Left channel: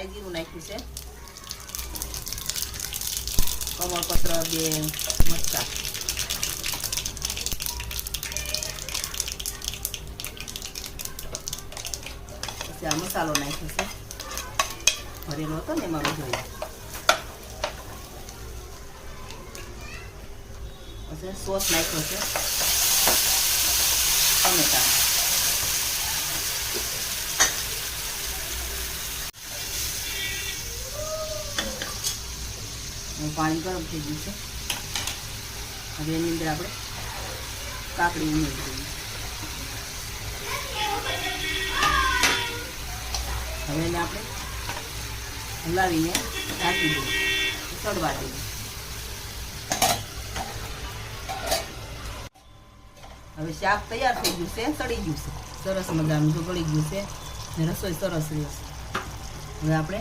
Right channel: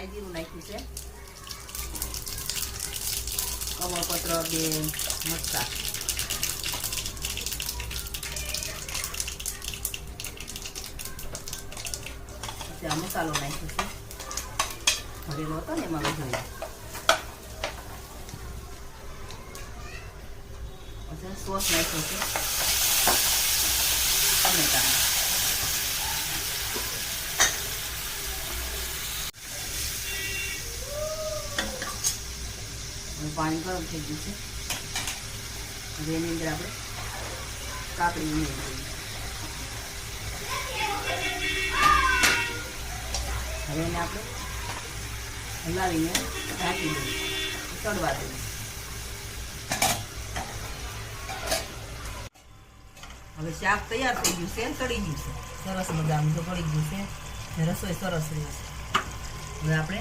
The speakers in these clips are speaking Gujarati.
રાઈ જીરું નાખ્યું છે. કમળપત્ર બે મરચા આ મસાલો નાખ્યો છે. ભરેલો હતો ને એમાં પછી સોસ નાખ્યો છે ટમેટાનો હવે પાણી ગરમ થઈ ગયું છે. હવે એની અંદર આપણે ઉમેરી હવે એને આપણે હલાવીને ઢાંકી દઈએ ચડવા દઈએ હવે શાક તૈયાર થઈ ગયું છે ચડી ગયું છે. સરસ મજાનું તો પડી ગયું છે રસોઈ સરસ રહેશે. હવે આપણે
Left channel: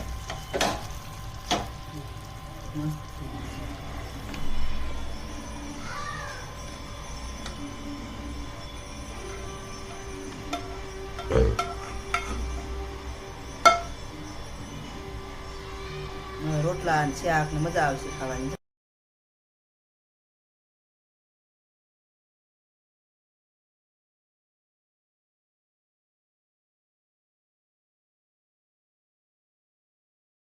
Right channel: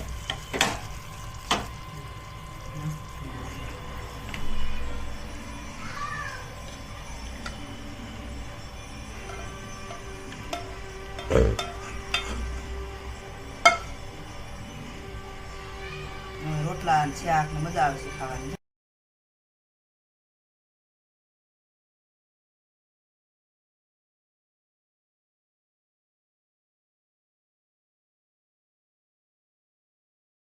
રોટલા અને શાક ને મજા આવશે ખાવાની